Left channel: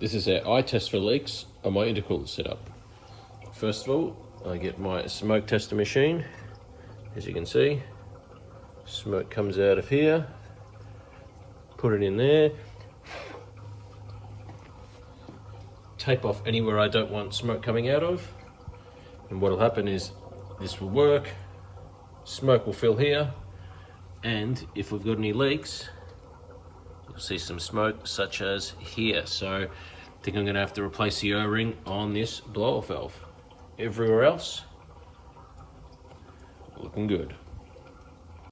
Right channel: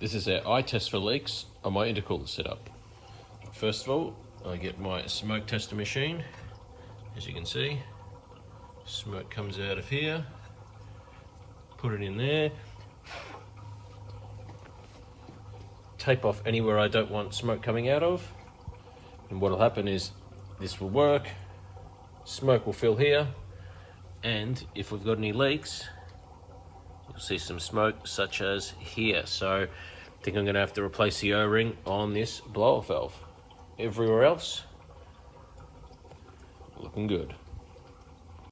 this is our eye test for leaks on my intercooler setup. First of all, I get my smoke tester machine. As you can see, smoke comes out of here. Put it in there. Tape off anywhere I don't want smoke coming out of. And what will happen is this will work. Smoke will fill here. And if we've got any leaks, you'll see some smoke such as here. So I think I'm going to have to replace the O-ring on this blow-off valve. Everywhere else, looking good.